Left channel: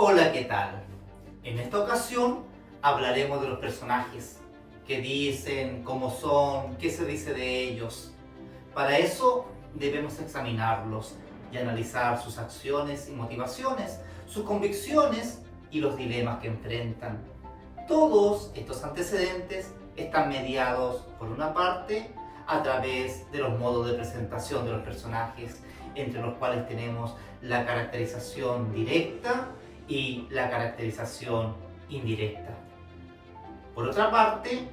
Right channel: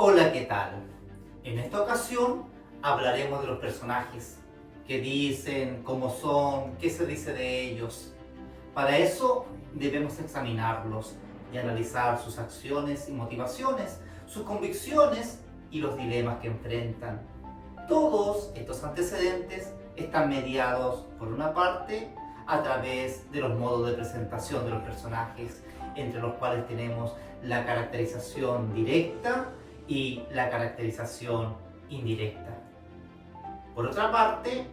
Hola, ¿qué tal? En esta ocasión hablaremos de los personajes, qué dicen, cómo son, qué se dice de ellos. Para eso debemos examinarlos y analizar sus acciones y motivaciones, sus convicciones y los dilemas que enfrentan. Todos estos antecedentes están mediados, por una parte, a través de los modos de presentación de los personajes, entre los cuales tenemos la caracterización directa y la caracterización indirecta. Por otra parte,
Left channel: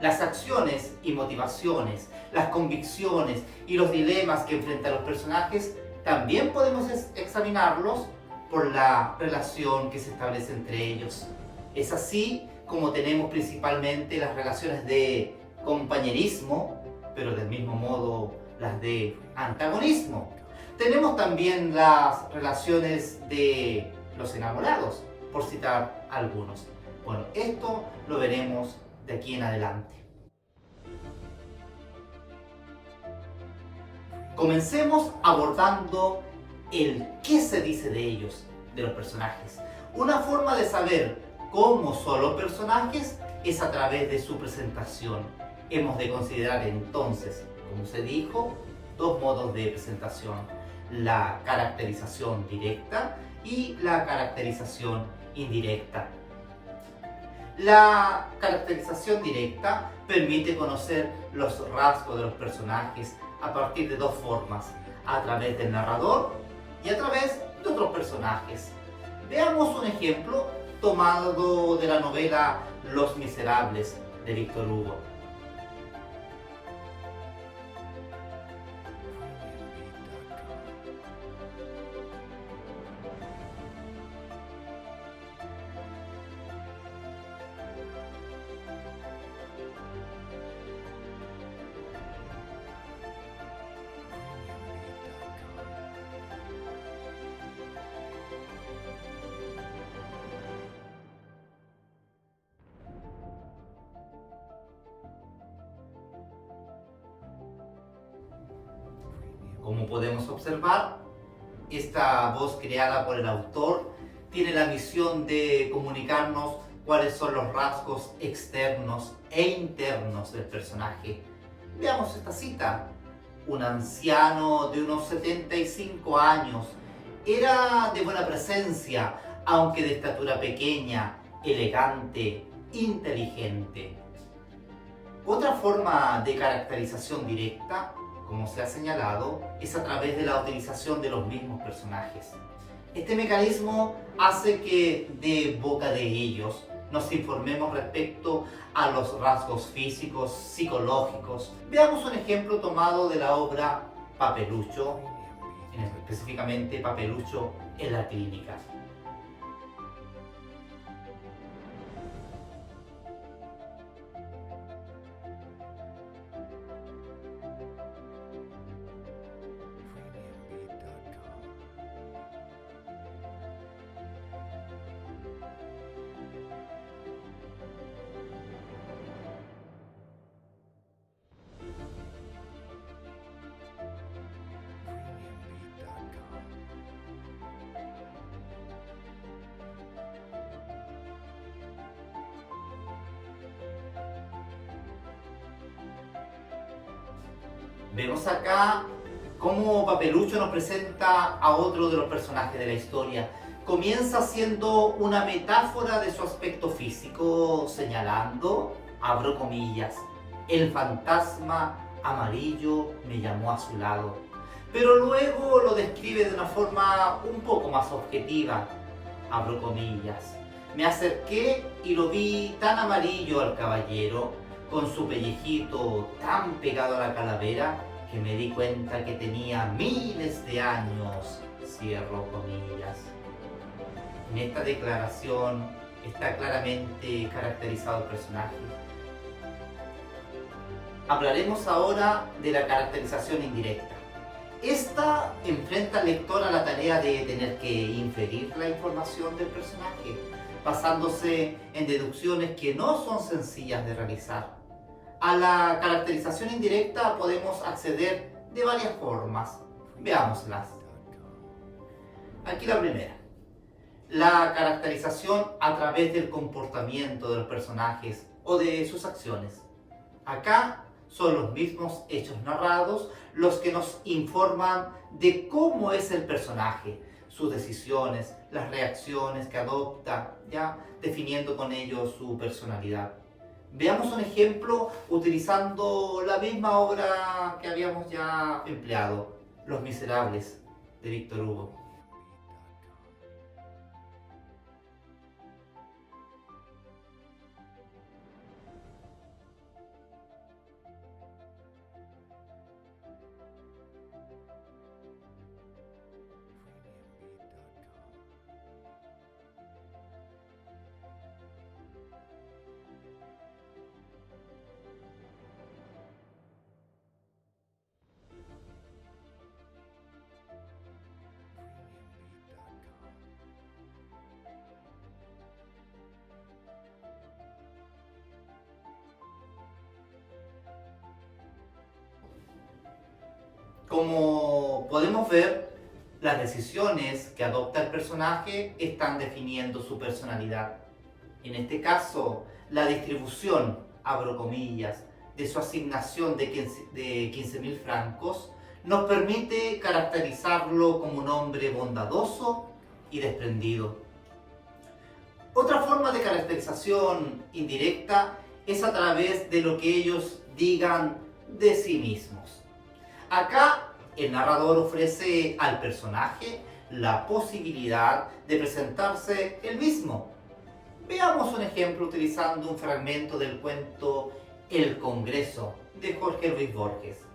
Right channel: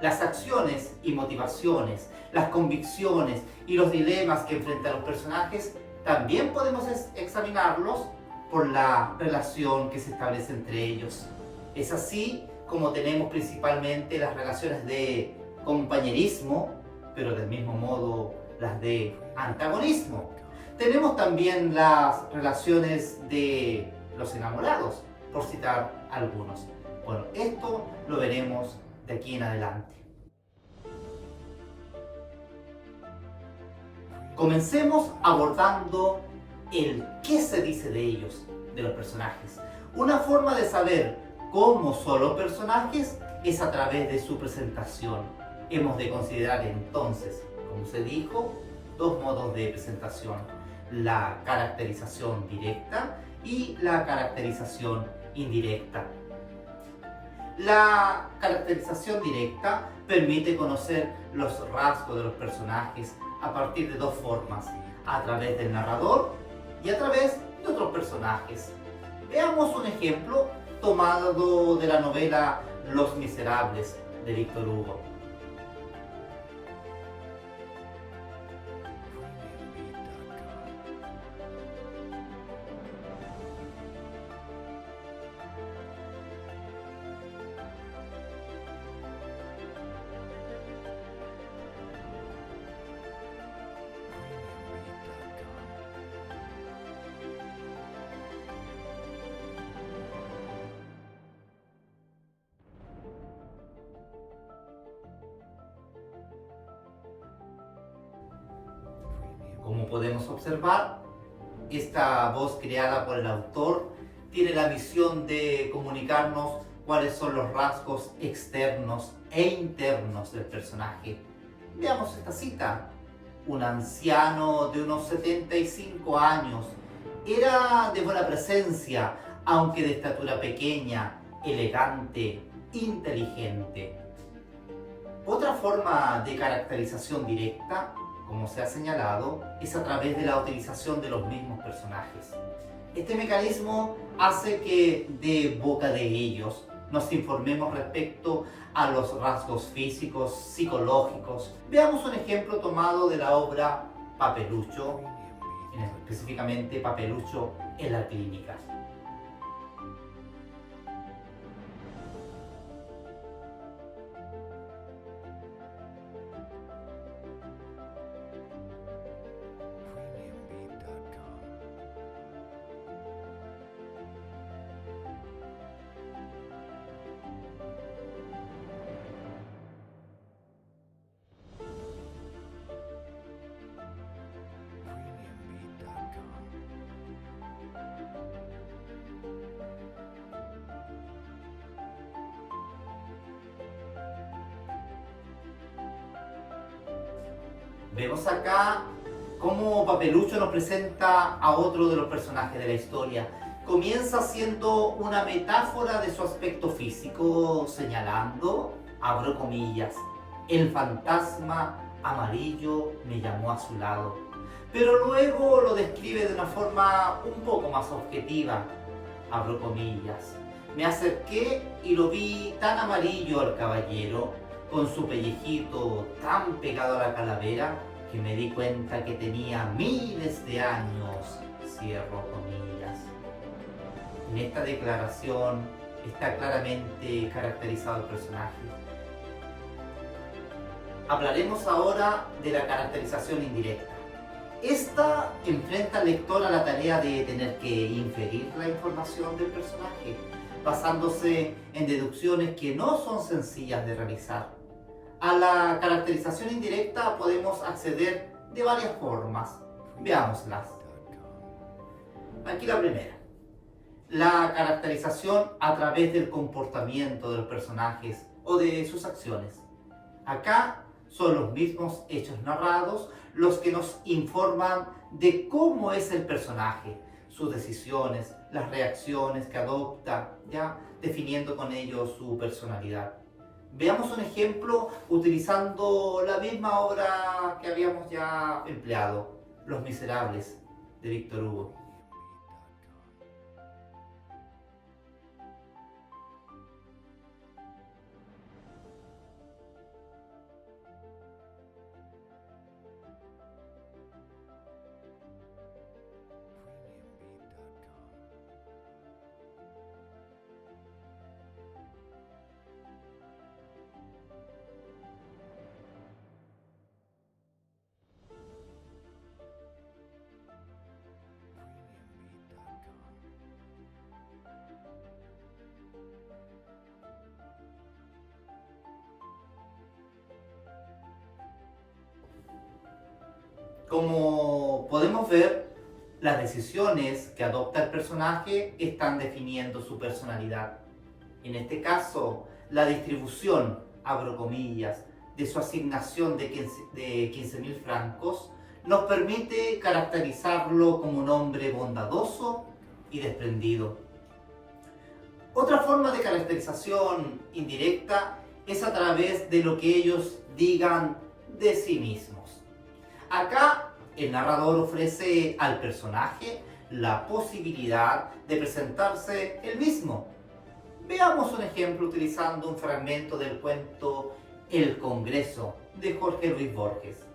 las acciones y motivaciones, las convicciones y los dilemas que enfrentan los personajes también podemos examinarlos por la relación que se establece entre ellos. Es así como tenemos principalmente las relaciones de compañerismo, pero del mismo modo las de antagonismo. Tenemos también las relaciones de los enamorados, por citar algunos. Bueno, esto lo veremos de aquí en adelante. Comencemos abordando el qué se dice de ellos, de los personajes. Una forma de saber cómo son los personajes es a través de su presentación. Hemos de considerar entonces, como se dijo, dos modos de presentación: la caracterización directa y la caracterización indirecta. La caracterización directa permite conocer los rasgos de los personajes a partir de dos formas: a través del narrador y a través de otros personajes. Veamos un ejemplo tomado de la novela Los Miserables de Víctor Hugo. Como podemos observar, esta voz creada por el autor tiene la misión de comunicarnos cuáles son los rasgos externos e internos del personaje. Veamos esta cita. Un anciano de unos 75 años. Era de buena presencia, aunque de estatura pequeña, elegante, inteligente. Otra forma de caracterización directa, como se ha señalado, es a través de la utilización de los mismos personajes. Este mecanismo hace que de boca de ellos nos informemos respecto a los rasgos físicos, psicológicos. Veamos un ejemplo tomado de la obra Papelucho, específicamente Papelucho en la clínica. Vemos acá cómo Papelucho nos presenta a otro de los personajes de la historia. Comienza siendo una metáfora de su aspecto físico, señalando, abro comillas, el fantasma amarillo me llamó a su lado. Pero luego lo describe de una forma un poco más objetiva, abro comillas. Me acerqué y lo vi tan amarillo al caballero, con su pellejito tan pegado a la calavera, que me di cuenta que tenía miles de años, cierro comillas. En esta declaración está claramente caracterizado el personaje. Hablaremos ahora de la caracterización indirecta. Esta enfrenta al lector a la tarea de tener que inferir la información del personaje, basándose en deducciones que no son sencillas de realizar. A la caracterización indirecta podemos acceder de varias formas. Veámoslas. Aquí la primera. la caracterización a través del comportamiento de los personajes o de sus acciones. Acá son los mismos hechos narrados los que nos informan de cómo es el personaje, sus decisiones, las reacciones que adopta, ya definiendo con ello su personalidad. Veamos un ejemplo utilizando la misma obra que habíamos ya empleado, Los Miserables, de Víctor Hugo. Como podemos ver, las decisiones que adopta el personaje están definiendo su personalidad. En este caso, la distribución, abro comillas, de su asignación de 15.000 francos nos permite caracterizarlo como un hombre bondadoso y desprendido. Otra forma de caracterización indirecta es a través de lo que ellos digan de sí mismos. Acá el narrador ofrece al personaje la posibilidad de presentarse él mismo. Veamos un ejemplo utilizando un fragmento del cuento El Congreso de Jorge Luis Borges.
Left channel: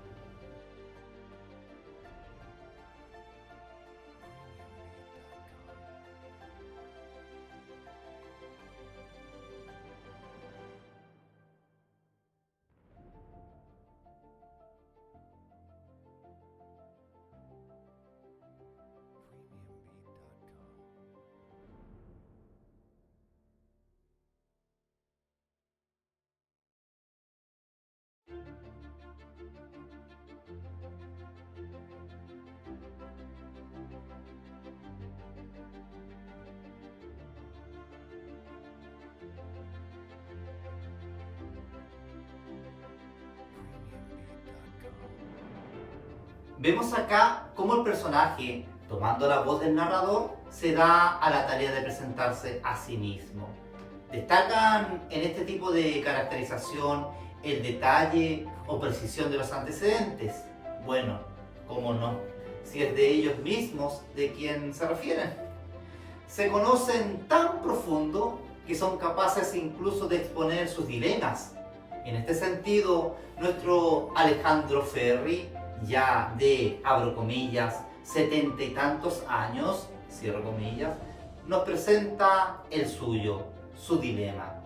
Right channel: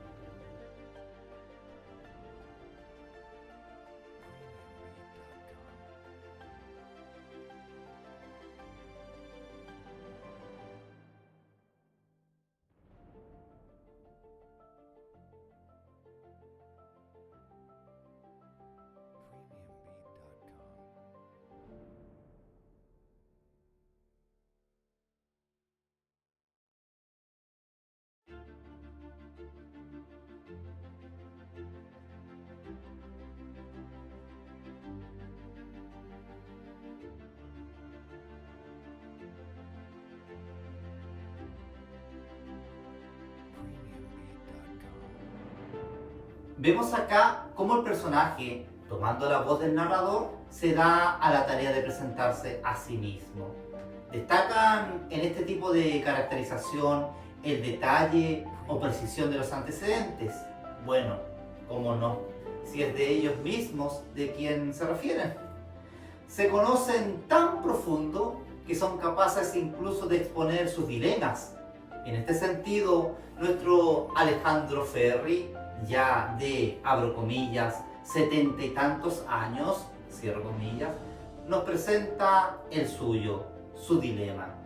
Vemos acá cómo el personaje, tomando la voz del narrador, se da a la tarea de presentarse a sí mismo. Destacan en este tipo de caracterización el detalle o precisión de los antecedentes. Bueno, cómo no, si es de ellos mismos de quien se refieren. Se conocen tan profundo que son capaces incluso de exponer sus dilemas. En este sentido, nuestro Alejandro Ferri, ya de, abro comillas, 70 y tantos años, cierro comillas, nos presenta el suyo, su dilema.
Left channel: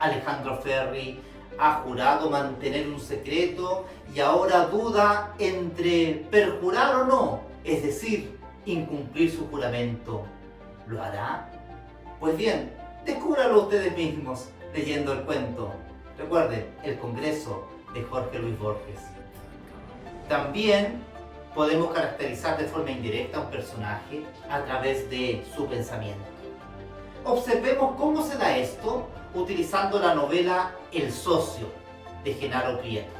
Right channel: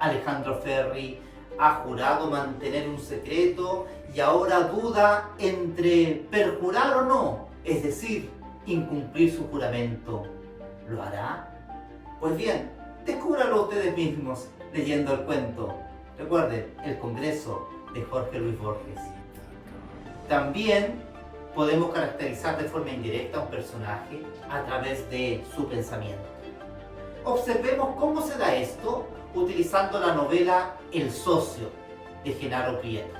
Alejandro Ferri ha jurado mantener un secreto y ahora duda entre perjurar o no, es decir, incumplir su juramento. ¿Lo hará? Pues bien, descúbralo ustedes mismos leyendo el cuento. Recuerden, El Congreso de Jorge Luis Borges. También podemos caracterizar de forma indirecta a un personaje a través de su pensamiento. Observemos cómo se da esto utilizando la novela El Socio de Genaro Prieto.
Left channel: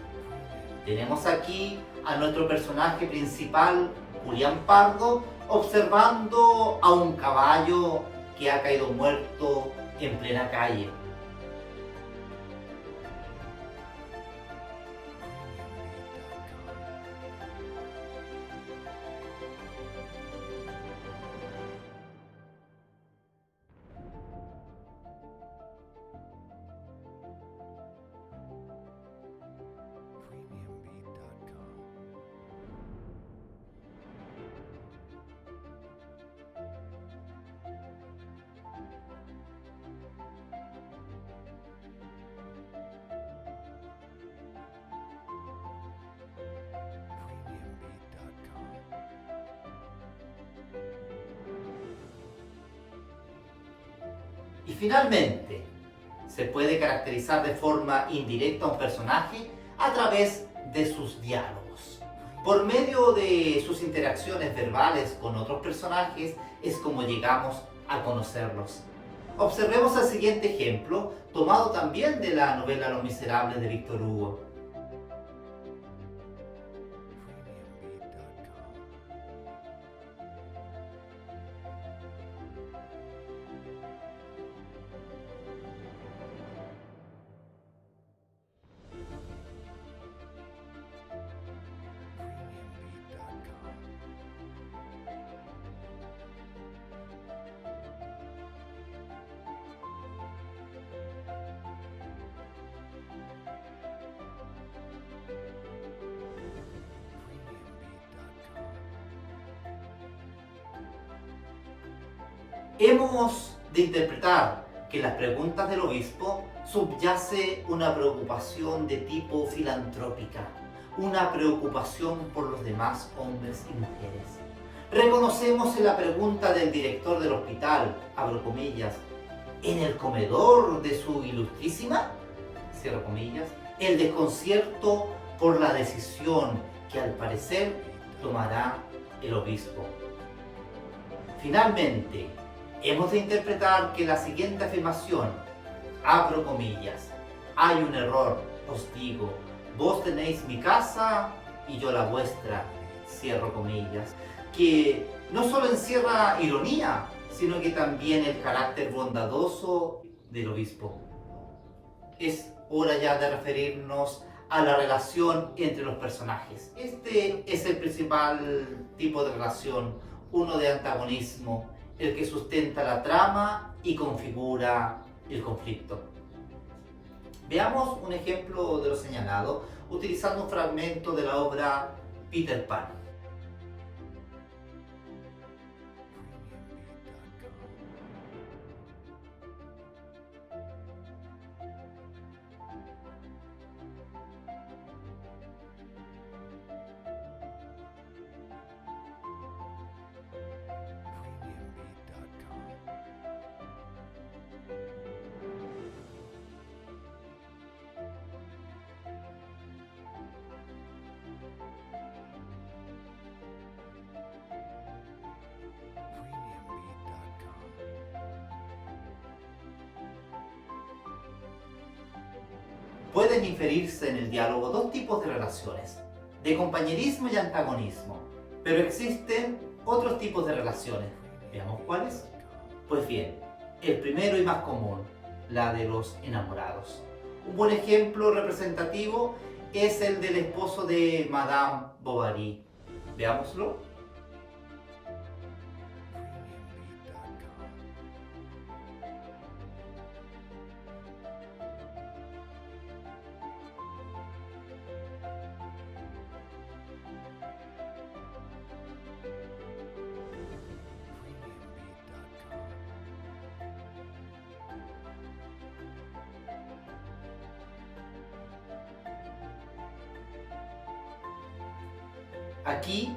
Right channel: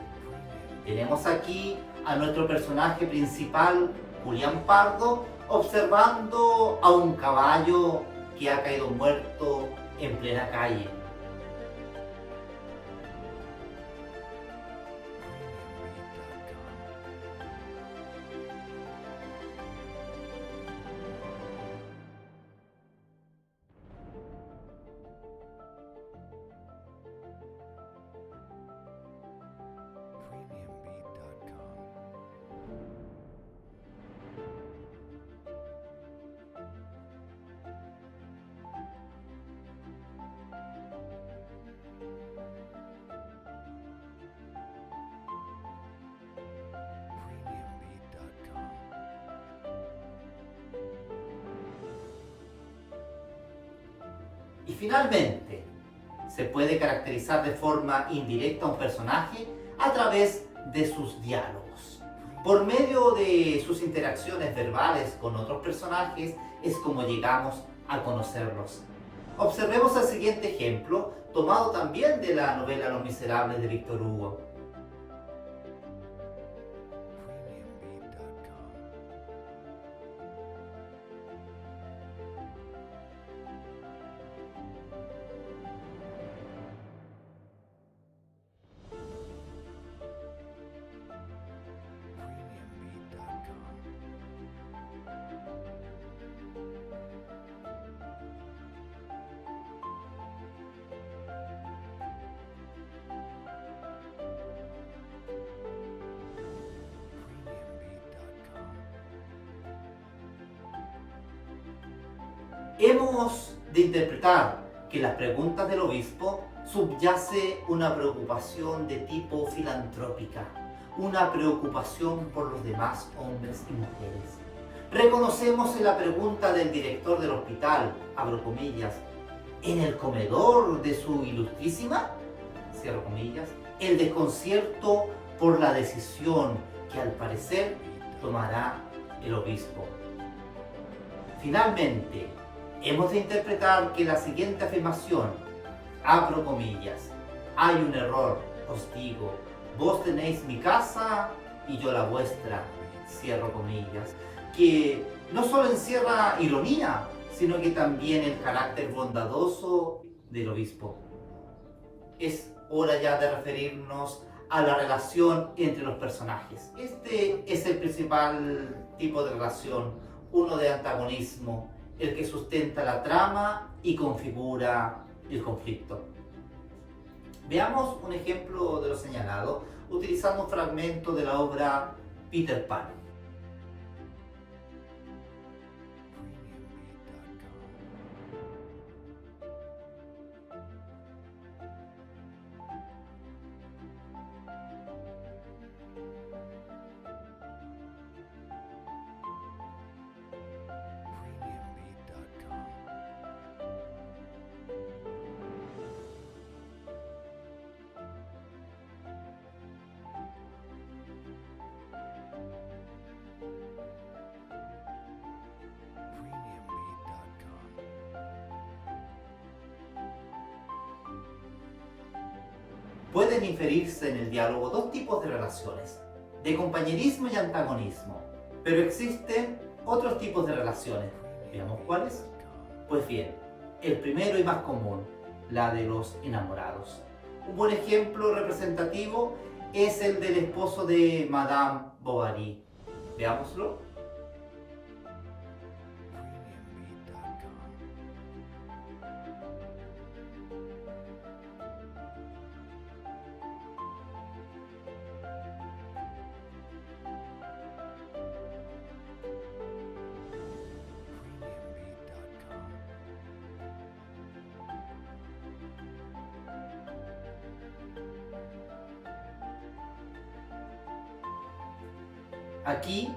Tenemos aquí a nuestro personaje principal, Julián Pardo, observando a un caballo que ha caído muerto en plena calle. Y finalmente, se puede caracterizar de forma indirecta a un personaje a través de sus diálogos. Por medio de sus interacciones verbales con otros personajes es como llegamos a conocerlos. Observemos el siguiente ejemplo, tomado también de la novela Los Miserables de Víctor Hugo. Hemos de interpretar que en las preguntas del obispo subyace una preocupación de tipo filantrópica, una preocupación por los demás hombres y mujeres. Reconocemos en la pregunta del director del hospital, abro comillas, en el comedor de su ilustrísima, cierro comillas, el desconcierto por la decisión que al parecer tomará el obispo. Finalmente, hemos de interpretar que la siguiente afirmación, abro comillas, hay un error, os digo, vos tenéis mi casa y yo la vuestra, cierro comillas, que no solo encierra ironía, sino que también el carácter bondadoso del obispo. Es hora ya de referirnos a la relación entre los personajes. Este es el principal tipo de relación, uno de antagonismo, el que sustenta la trama y configura el conflicto. Veamos un ejemplo de lo señalado utilizando un fragmento de la obra Peter Pan. Pueden inferirse en el diálogo dos tipos de relaciones, de compañerismo y antagonismo, pero existen otros tipos de relaciones. ¿Veamos cuáles? Pues bien, el primero y más común, la de los enamorados. Un buen ejemplo representativo es el del esposo de Madame Bovary. Veámoslo. Aquí,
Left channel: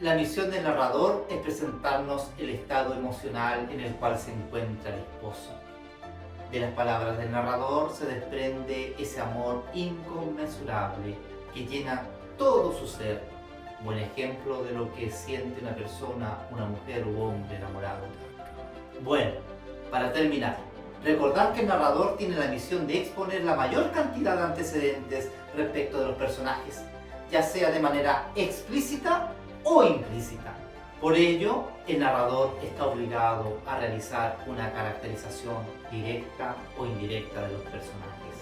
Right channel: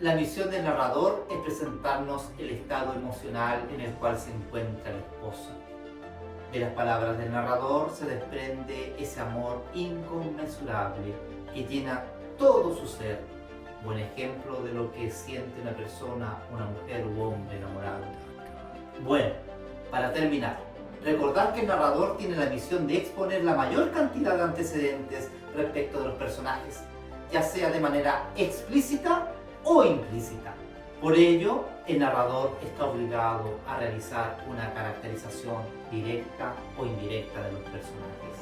la misión del narrador es presentarnos el estado emocional en el cual se encuentra el esposo. De las palabras del narrador se desprende ese amor inconmensurable que llena todo su ser. Buen ejemplo de lo que siente una persona, una mujer u hombre enamorado. Bueno, para terminar, recordar que el narrador tiene la misión de exponer la mayor cantidad de antecedentes respecto de los personajes, ya sea de manera explícita o implícita. Por ello, el narrador está obligado a realizar una caracterización directa o indirecta de los personajes.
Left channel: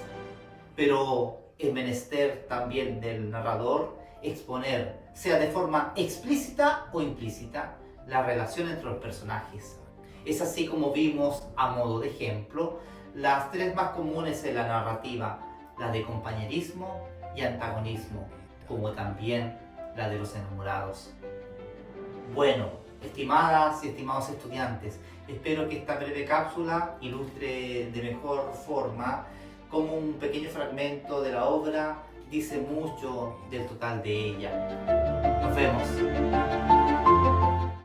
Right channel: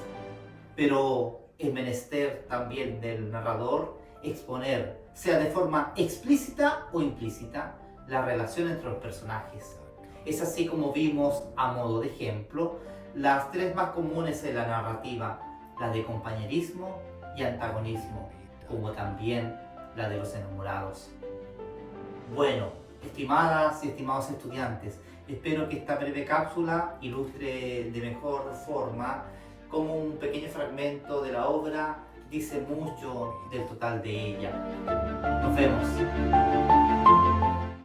Pero es menester también del narrador exponer, sea de forma explícita o implícita, la relación entre los personajes. Es así como vimos, a modo de ejemplo, las tres más comunes en la narrativa, la de compañerismo y antagonismo, como también la de los enamorados. Bueno, estimadas y estimados estudiantes, espero que esta breve cápsula ilustre de mejor forma cómo un pequeño fragmento de la obra dice mucho del total de ella. Nos vemos.